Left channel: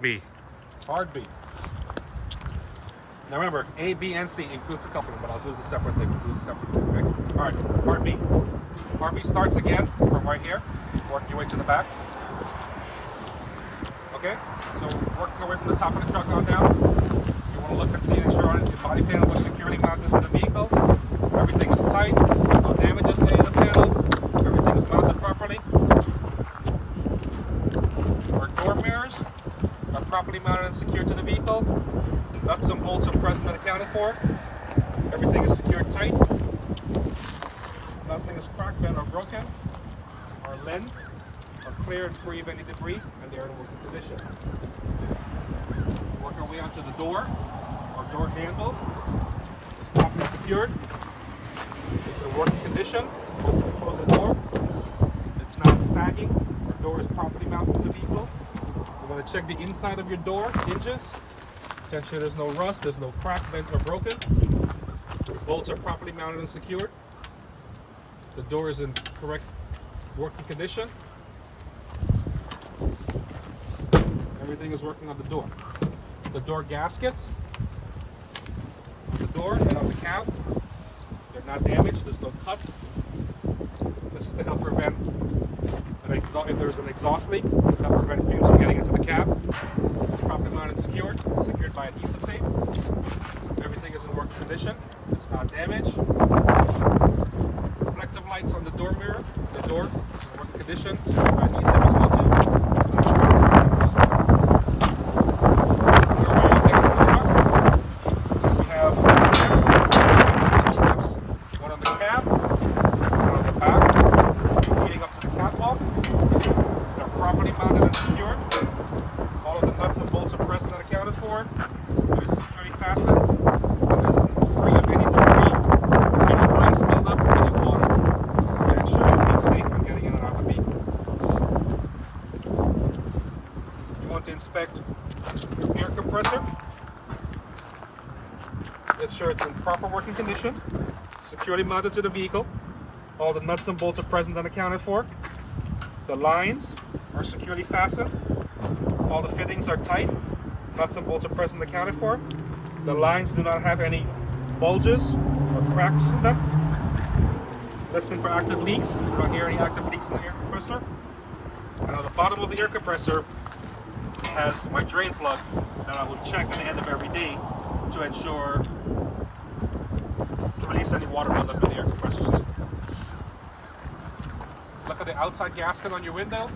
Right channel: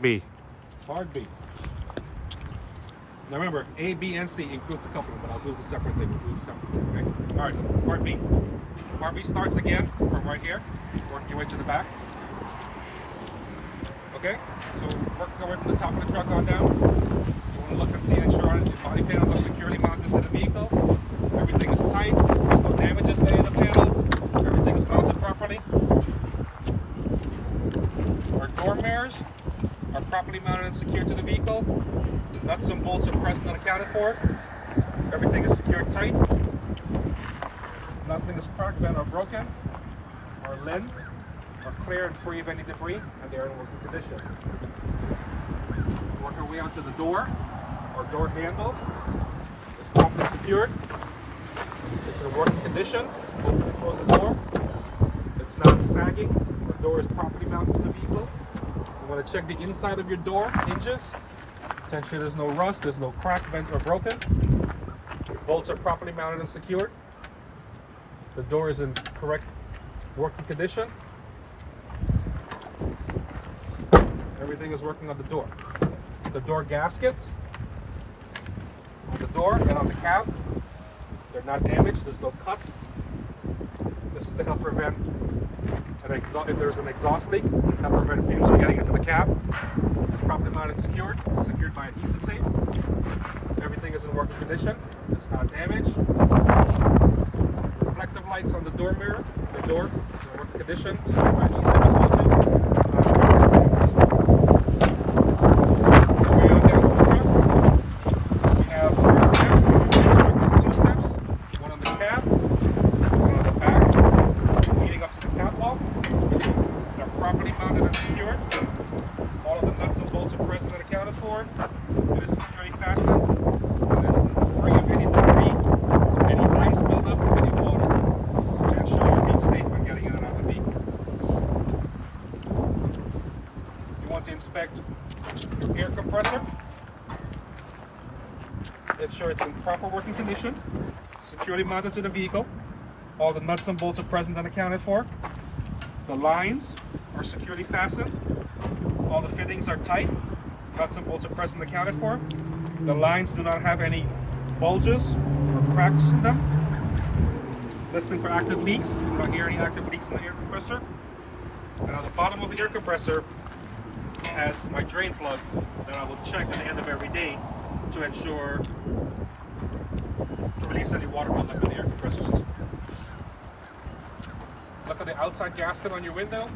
B. Part B. Now remember, A, B, and C includes the coupling, but I'll do this a separate thing. We'll do this a separate thing. Okay? All right, part B. Part B starts again from right here, working your way to the back. Okay, so working your way from the top of the truck on down. You want to look and see and ensure the body panels are securely mounted to the vehicle. Everything is tight. There's no damages to any of the panels. Everything is mounted properly. Our door mirrors are properly mounted and secured to the vehicle. Nuts and bolts are present and accounted for. Everything is secured tight. Nothing is cracked, bent, or broken. Our lens are clear and free of any debris, and they are in working condition. Work our way onto the door. Our door handle is properly secured. It's in working condition. Open and close the door. It's not sagging. The door is properly mounted to the vehicle. You want to check the inside of your door hinges to ensure there's no rust, there's no crack, vents, or broken. Bolts are properly mounted and secured. The door is in correct working condition. Everything is working on the door. The door gaskets on the door and on the cab, they're not damaged, there's no cuts. This is to help prevent if there's an exhaust leak, help prevent fumes from getting into the cab. It's properly mounted and secured by adhesive tape. Everything is in working condition. It's not damaged. Reflective lights on the door mirror. The door is in working condition. Secured by adhesive as well too. It's not damaged. We have steps. There's two steps. One on the cab, one on the back, leading up to the catwalk. They're properly mounted and secured. All of the nuts and bolts are present and accounted for. It is securely fastened. It is free of any debris, any grease buildup, any water, to ensure you're being safe when getting in and out of the vehicle. You want to inspect your air compressor. Ensure it's in proper working condition, securely mounted to the vehicle. All the nuts and bolts are present and accounted for. The lines are securely fastened. All the fittings are tight. Nuts and bolts are present and accounted for. The lines do not have any bulges or cracks in them. Listening for active leaks. We don't hear any active leaks in the air compressor. And on the bottom of the air compressor has my drain plug that I will check at the end of every day to ensure to release any water buildup in the air compressor system. Look at the outside gasket on your window,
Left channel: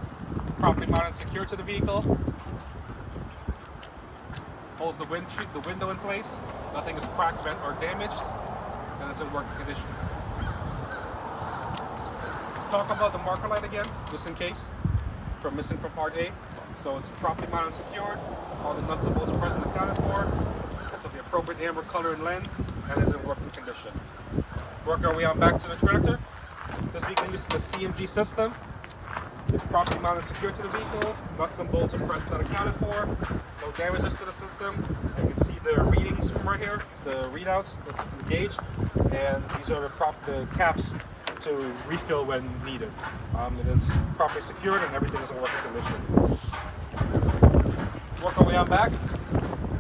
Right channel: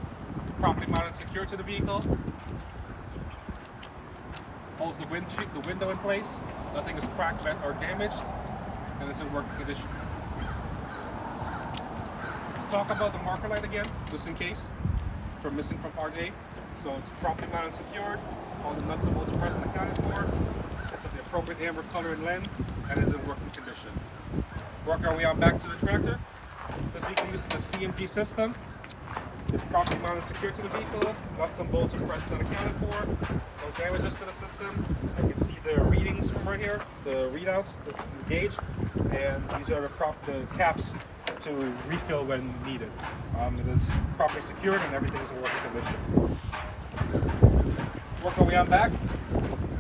properly mounted and secured to the vehicle. Holds the window in place. Nothing is cracked, bent, or damaged, and it's in working condition. Talk about the marker light again, just in case, missing from part A. So it's properly mounted and secured. All the nuts and bolts are present and accounted for. It's of the appropriate amber color and lens, and is in working condition. Work our way on back to the tractor. This vehicle uses the CMG system. It's properly mounted and secured to the vehicle. Nuts and bolts are present and accounted for. No damages to the system. You can see the readings from right here, the readouts, the gauge, and these are the caps to refill when needed. It is properly secured and everything is in working condition. Work our way on back.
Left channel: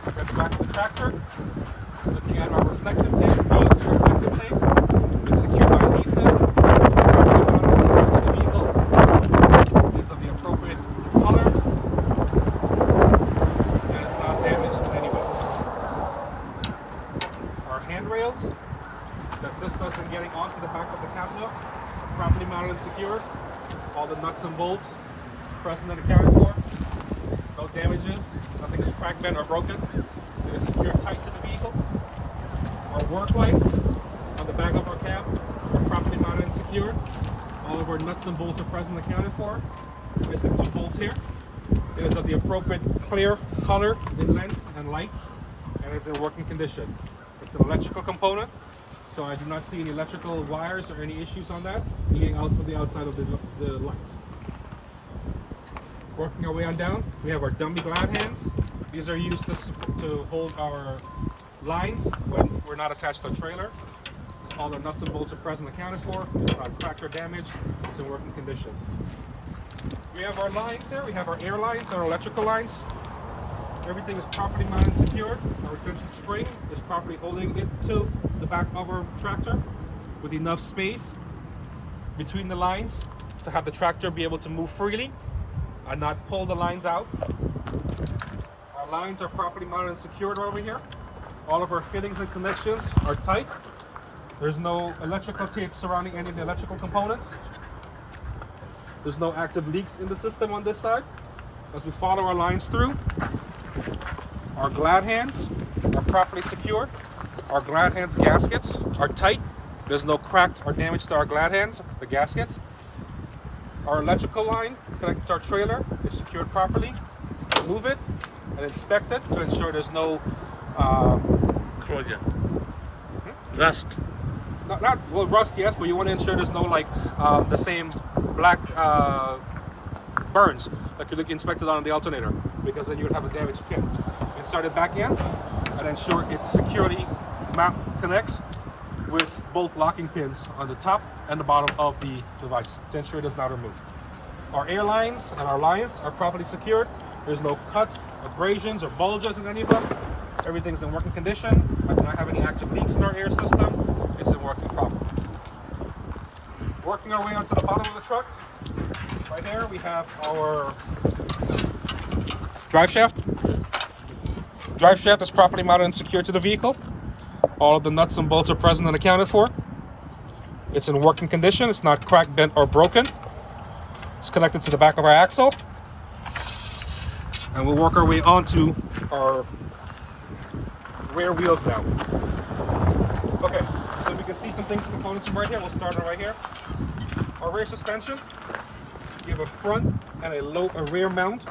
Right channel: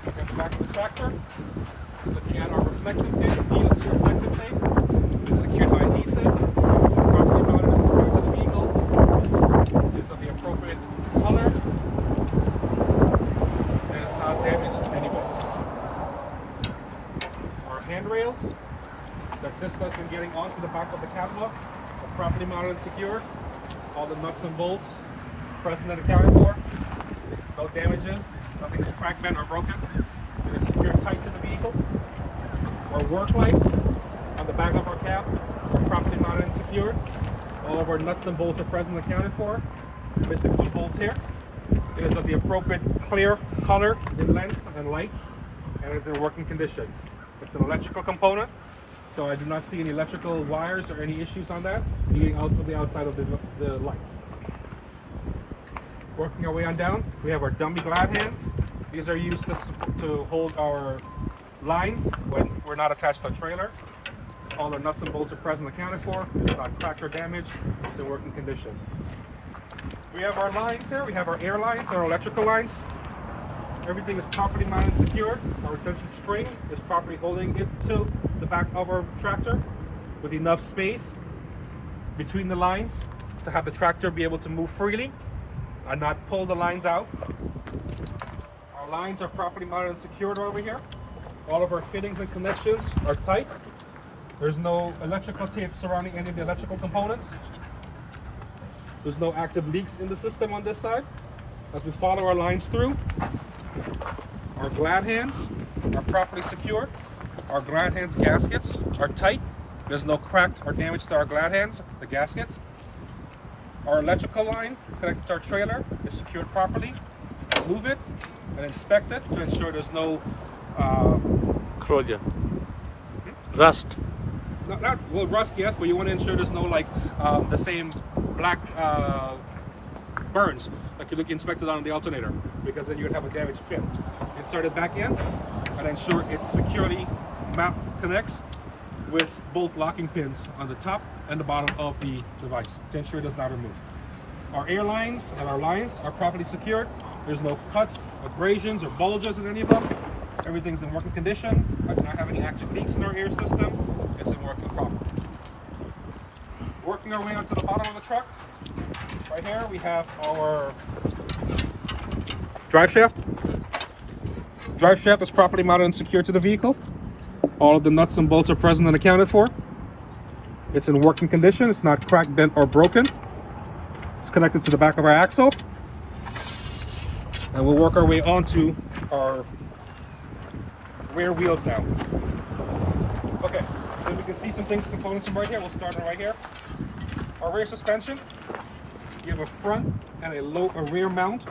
At the back of the tractor. Looking at our reflective tape, VO2 reflective tape. It's secured by adhesive. Properly mounted and secured to the vehicle. It's of the appropriate color. And it's not damaged in any way. Our handrails that assist us in getting onto the back of the catwalk are properly mounted and secured. All the nuts and bolts present and accounted for. No damages. Nothing is cracked, bent, or broken. It is secured tight to the vehicle. Our work lights on the back of our cab are properly mounted and secured. All of our nuts and bolts are present and accounted for. Missing two bolts here. It is of the appropriate clear color in length and light, and it is in working condition. It's an electrical component, so I do not see any electrical wires or any issues on that leading out to the outside of the lights. Working our way on down, we have our dummy glad hands. These are used to hold our lines when we're not attached to a trailer. All the nuts and bolts are present and accounted for. It's not cracked or damaged. It's in working condition. We have our lines here. We have our air lines, our electrical lines. Everything is properly mounted and secured. Our retention spring is properly holding it to the back of our tractor with enough space between the lines to have the tractor be able to move freely and not pull the lines out. Our lines are properly mounted and secured over here. All of our fittings and connections are tight. There's no electrical tape surrounding any of the electrical components. There's no active leaks in the system on this side. As we follow our lines through, our glad hands are properly secured. Our glad hands gaskets are tight. There's no crack or damage to our glad hands, the gaskets. Our electrical line connected to our trailer is secured properly. Remove it and inspect it to ensure there's no corrosion, rust. Not well, rust, yes, but you want to ensure there's no like the same black burns like you inspected on the alternator, because then you would have a damaged pin. Insert it back in and ensure it securely connects with both locking pins on the top and the bottom of the device to ensure it does not remove. Our air lines and our lines are properly secured. There's no cuts, abrasions, or bulges in any of them. Everything's in working condition. I do not have any active leaks in our air system. It's in working properly. Working our way onto the bottom of the truck. Right here we have our drive shaft. Drive shaft is properly mounted and secured to the vehicle. All of the nuts and bolts are present and accounted for. It's in working condition. It's not cracked, bent, or broken. It's connected to the back of our axle. And we'll work our way onto our rear wheels now. Okay, so we can see some things, components from right here. We'll start right here. Our rear suspension. You have a front and a rear mount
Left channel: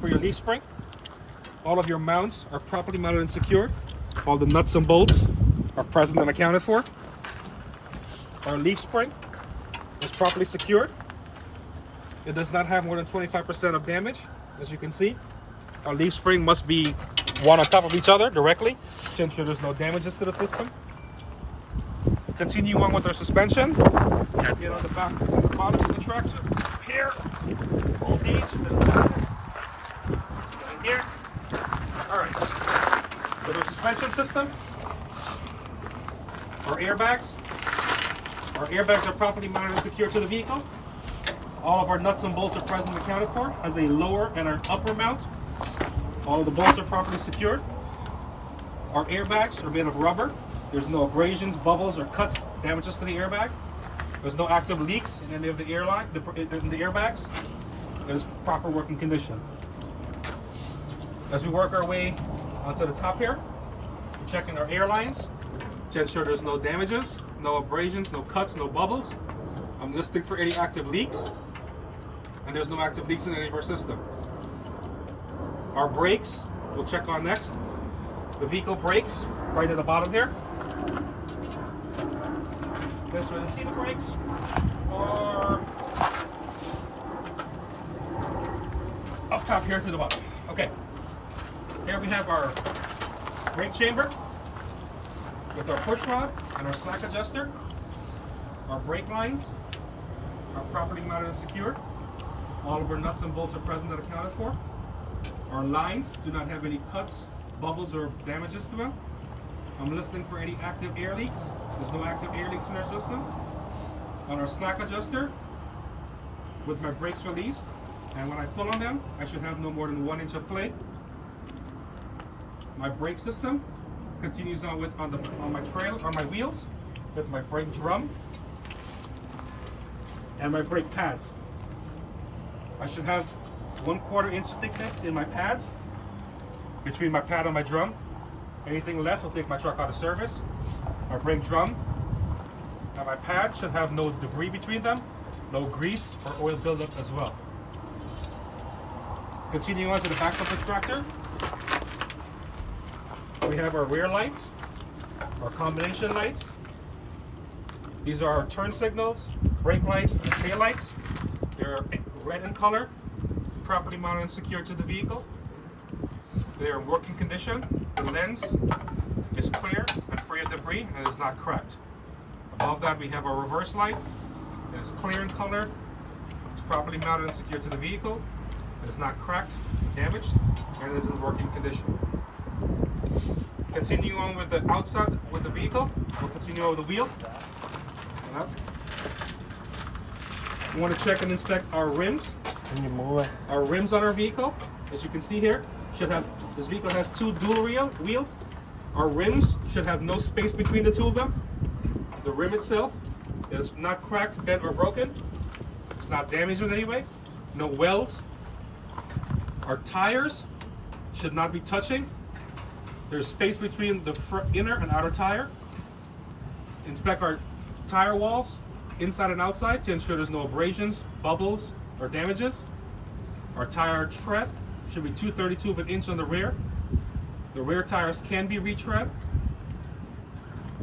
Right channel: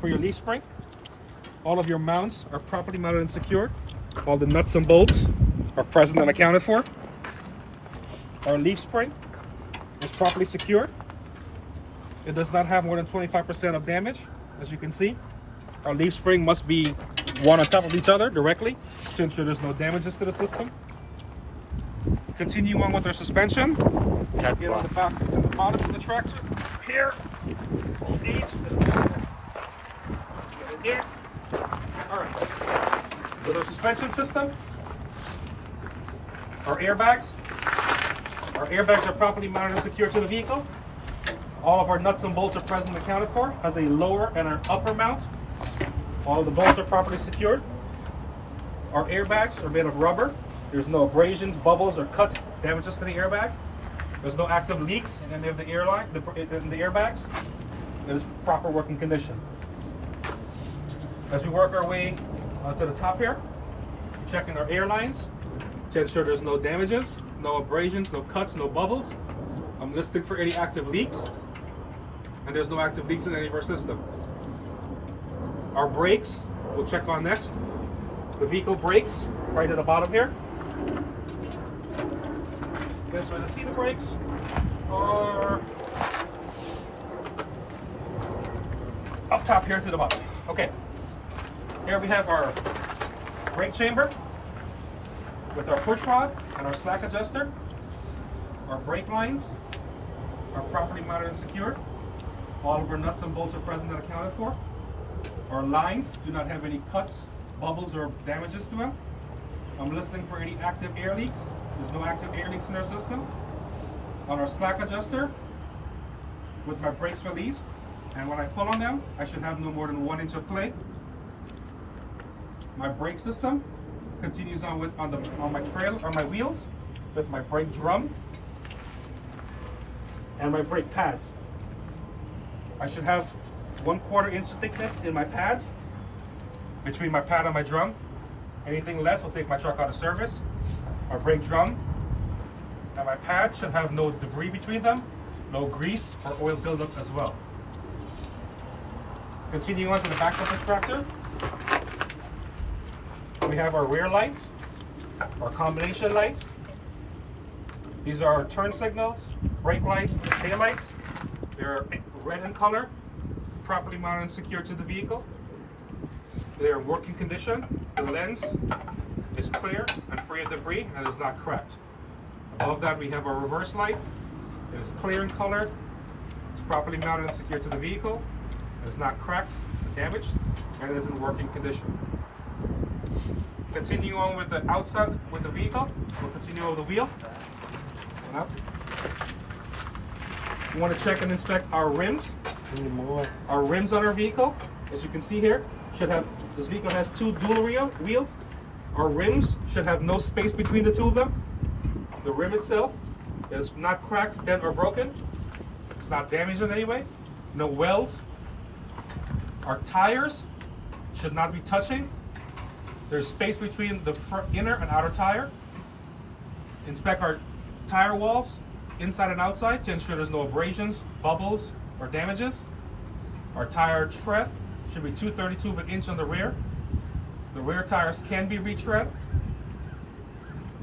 for your leaf spring. All of your mounts are properly mounted and secured. All the nuts and bolts are present and accounted for. Our leaf spring is properly secured. It does not have more than 25% of damage, as you can see. Our leaf spring must be one on top of each other directly to ensure there's no damages to the system. Continue on with our suspension. Get on the back and the bottom of the tractor. Here. Stage to the back. Get in here. Alright. With our suspension system, our airbags. Our airbags are properly mounted and secured to the vehicle. All of our nuts and bolts are present and accounted for. Has a lower and an upper mount. All of the bolts are properly secured. Our airbags are made of rubber. There's no abrasions, bubbles, or cuts, damages to the airbag. There's no active leaks in any of the in the airbags. It is proper working condition. As we work our way onto the top here, we're checking our air lines to ensure there's no damages, no abrasions, no cuts, no bubbles. I'm listening for any active leaks, and there's no active leaks in any of our system. Our brakes, we'll check on next. The vehicle brakes, right at the bottom here. This way to see the brakes. Or up top here to the bottom. Okay. Here we have our brake chamber with our push rod and our slack adjuster. Our brake lines are properly mounted and secured. All of our nuts and bolts are present and accounted for. Our lines do not have any cuts, bubbles, or damages to them. I'm listening for any active air leaks. There's no active air leaks in our system. On our slack adjuster, with my brakes released, and when I pull on them, I should have no more than 1 inch of play. My brake system continues on on my wheels with my brake drum and my brake pads. I should have 1/4 inch thickness in my pads between my pad and my drum. Anything less will take my truck out of service. My brake drum and my pad should have no debris between them, no grease or oil buildup as well. Continuing on to the back of the tractor, we have our rear lights, our combination lights. These are our turn signals, brake lights, and tail lights. They're red in color, properly mounted and secured to the vehicle. They are in working condition. The lens is clear and free of debris and is not cracked. Above that we have our reverse light. It is clear in color. It's properly mounted and secured to the vehicle. It is not cracked damaged and is in working condition. Continue on with the outside with the vehicle. We'll continue over the wheel. We want to check and inspect our rims. Can you move it? Our rims on our vehicle, as you can see here, this vehicle has 2 dual wheels. Our rims should have no space between the 2 of them. The rim itself is not cracked, bent, or broken. It's not damaged in any way. No welds. Our tires should not be touching. There's space between the inner and outer tire. Inspect our tire walls, inside and outside, to ensure there's no abrasions, bubbles, or damages. Our tire tread should be 2/32 of an inch on the rear. The rear tires can be retread.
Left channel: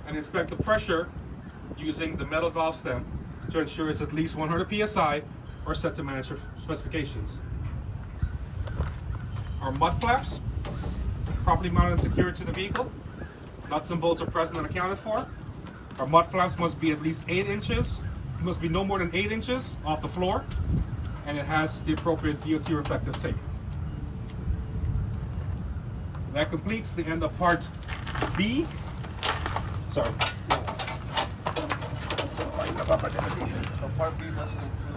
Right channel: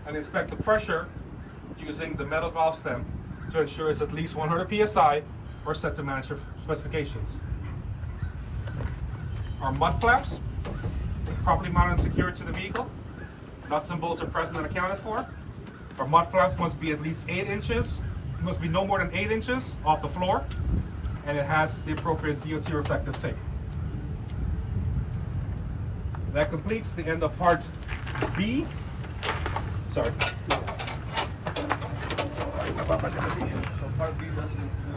And inspect the pressure using the metal valve stem to ensure it's at least 100 psi or set to manufacturer specifications. Our mud flaps, properly mounted and secured to the vehicle. Nuts and bolts are present and accounted for. Our mud flaps must be at least 8 inches, must be no more than 8 inches off the floor, and it has the appropriate DOT reflective tape. That completes the end of part B. Sorry. So part B doesn't include